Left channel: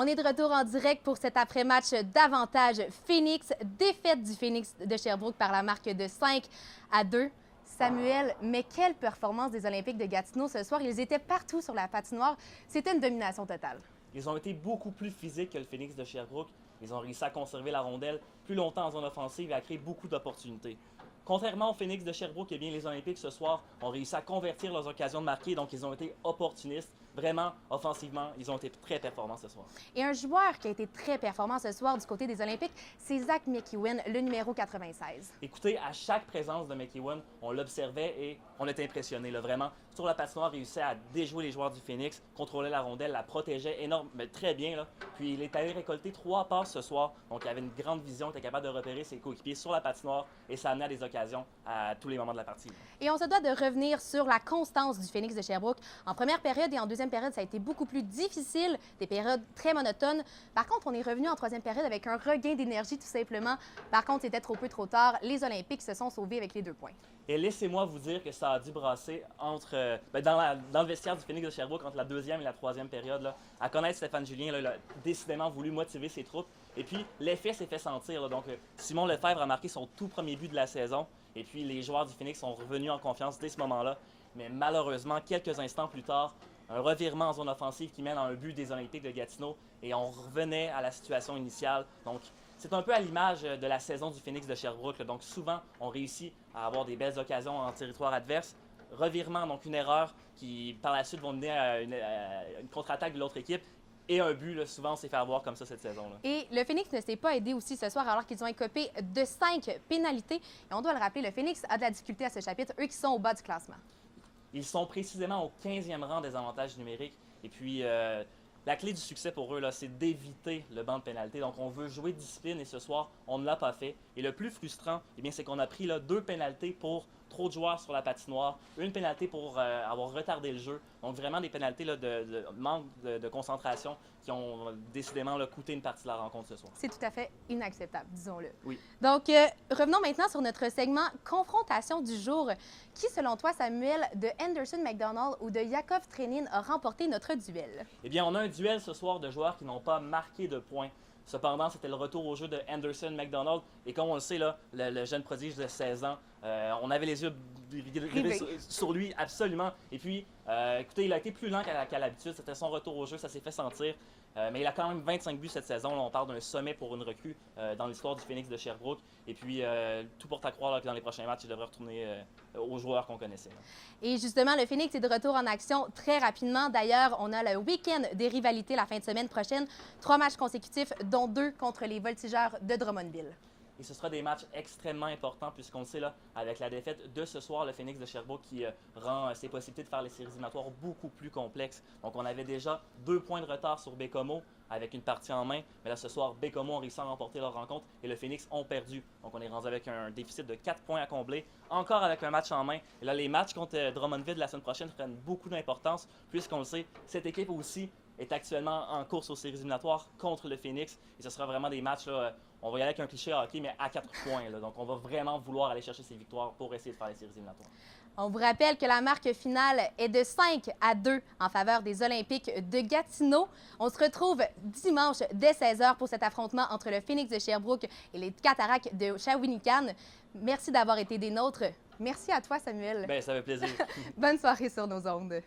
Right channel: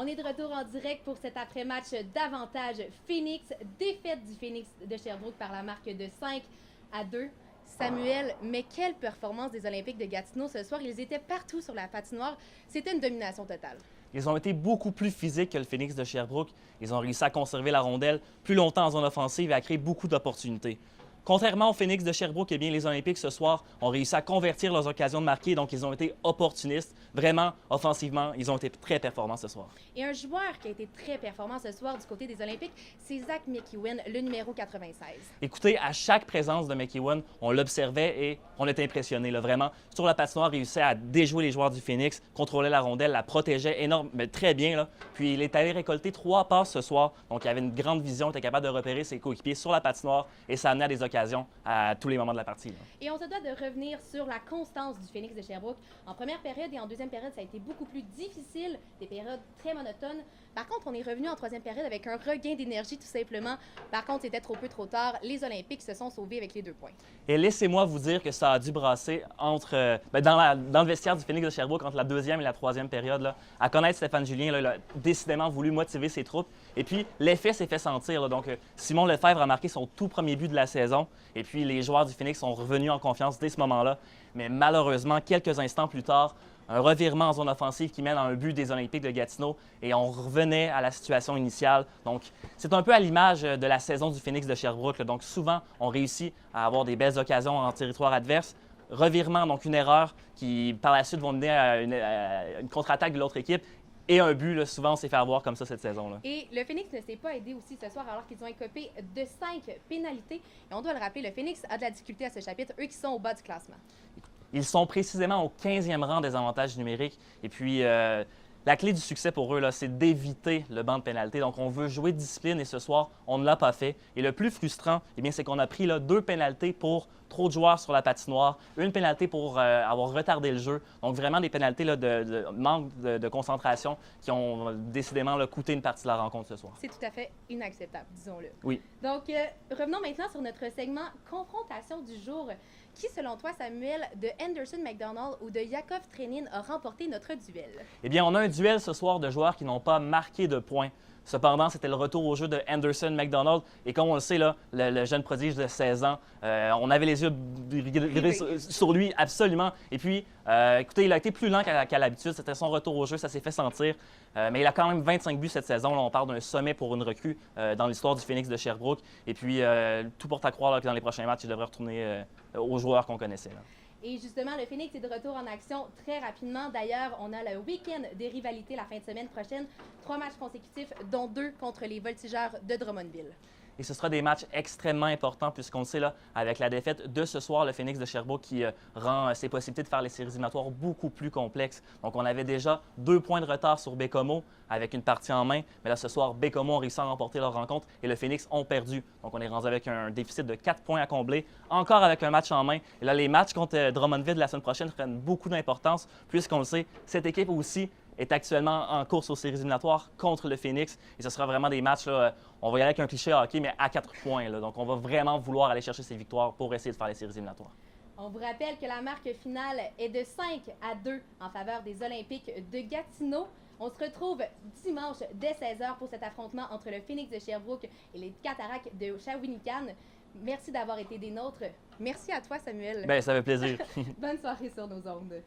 On est de retour en direct pour cet après-match d'avantage Phoenix. Défaite du Phoenix de Sherbrooke par la marque de 5-2. Samuel, mais quelle performance des Olympiques de Gatineau ce soir. Ils étaient partout sur la patinoire. C'était une domination totale. Ils ont été beaucoup plus physiques que le Phoenix de Sherbrooke. Ils ont réussi à conserver la rondelle plus longtemps en zone offensive et à créer beaucoup d'opportunités. Contrairement au Phoenix de Sherbrooke, eh bien, les Olympiques ce soir ont réussi à convertir leurs occasions de marquer, donc ils ont été opportunistes. Vraiment, offensivement, ils ont été très performants ce soir. Et un joueur qui a été très performant ce soir du côté des Olympiques, c'est Zach McEwen, le numéro 96. Écoutez, à chaque présence de McEwen, on l'observait et on était impressionné. Là, vraiment, sur la patinoire, il réussissait à déjouer les joueurs du Phoenix, contrôlait la rondelle, la protégeait mais très bien. Là. Puis il est allé récolter 3 passes ce soir, donc il avait une grande vision, était capable de repérer ses coéquipiers sur la patinoire et ça amenait à des occasions à tous les moments de la partie. Là. Et on se doit de revenir sur la constance du Phoenix de Sherbrooke. En première période et en deuxième période, ça a été beaucoup plus difficile, des périodes très monotones. Par contre, on est revenu en troisième période avec un regain d'énergie tout simplement. Par contre, c'était trop peu trop tard. Les Olympiques se sont sauvés avec les 2 points. Et laissez-moi vous dire que ça a dû brasser dans le vestiaire du Phoenix de Sherbrooke entre la deuxième et la troisième période. Là. À connaître Stéphane Julien, là, il a décidément voulu motiver ses troupes. Et puis, l'effet s'est fait sentir. Là. Donc, Simon Lefebvre a marqué son tout premier but de la saison. Et puis, les joueurs du Phoenix sont revenus en confiance dès ce moment-là. Mais malheureusement, quelques instants plus tard, un revirement en zone offensive qui mène à un but des Olympiques de Gatineau. Et on revenait à la situation initiale. Donc, c'est un peu à l'image de la saison du Phoenix de Sherbrooke. Là. Donc, souvent, on réussit à avoir des belles occasions en territoire adverse. Revirement, donc une erreur qui, par la suite, vont mener à une contre-attaque de l'autre équipe. Et un but, là, souvent, on s'est fait avoir comme ça cette saison-là. Et le Phoenix ne s'est pas aidé aussi ce soir alors qu'ils ont écopé de 5 pénalités. Et on doit le rappeler, le Phoenix a de la difficulté à ce chapitre, eux qui sont au bas du classement. Ils sont précisément au 15e rang des avantages numériques. Et puis, la clé du succès pour eux, c'est d'éviter le banc de pénalité. Donc, on veut jouer de discipline et ce soir, on ne l'a pas fait. Et le plus frustrant, eh bien, c'est qu'on a pris là, 2 pénalités pour trop de joueurs sur la patinoire, une pénalité pour avoir retardé le jeu. Donc, vraiment des pénalités là, de manque de concentration qui ont décidément là, coûté une partie de la rencontre ce soir. C'est tout à fait inacceptable, disons-le. Oui. Donc, revenons maintenant sur notre segment confrontation du jour. Qui, selon toi, Samuel, de Anderson McDonald ou de Yakov Trenin a remporté notre duel? Eh bien, on a un duel ce soir de joueurs qui n'ont pas marqué de points. Cependant, c'était le retour au jeu de Anderson McDonald. Et comme on le sait, là, le jeune prodige de 16 ans, on avait les yeux rivés sur lui, absolument. Et puis, écoutez, il a été plus lent qu'à l'habitude. C'était son retour au jeu, ça s'est fait sentir. Mais il a quand même 25 buts cette saison. Là, on parle d'un sommet pour une recrue dans l'histoire du Phoenix de Sherbrooke. Et puis, tout porte à croire là, que dans les prochains matchs, il devrait retourner aux joueurs qu'on connaissait. Là. Et justement, le Phoenix est de retour en action très rapidement. D'ailleurs, on a le week-end des rivalités la fin de semaine prochaine. 3 matchs consécutifs, dont 2 contre les Voltigeurs de Drummondville. Et ce sera des matchs extrêmement importants puisqu'on le sait, là, avec la défaite de ce soir, le Phoenix de Sherbrooke qui rend ses possibilités de faire les séries éliminatoires beaucoup plus complexes. Donc, on avait déjà 2 points de retard sur Bécomo avec une partie en main. Mais là, ce soir, Bécomo ont réussi à remporter leur rencontre et le Phoenix ont perdu. Donc, on est rendu avec un déficit de 4 points à combler, encore avec un match en main. Et là, les matchs contre Drummondville la semaine prochaine prennent beaucoup d'importance puisqu'on le sait, cette équipe aussi est actuellement en course aux séries éliminatoires contre le Phoenix. Et ce sera vraiment des matchs, là, on va y aller avec un cliché hockey, mais à 4 points. Là. Donc, on va vraiment vouloir aller chercher ces victoires pour essayer de faire les séries éliminatoires. On vous rappelle que la marque finale est de 5-2 en faveur des Olympiques de Gatineau. On se retrouve dimanche dès 16h pour cet affrontement entre le Phoenix de Sherbrooke et les Cataractes de Shawinigan. Merci d'avoir été des nôtres. Merci à toi, Samuel. Bien, ça fait plaisir. Bonne soirée sur nos ondes.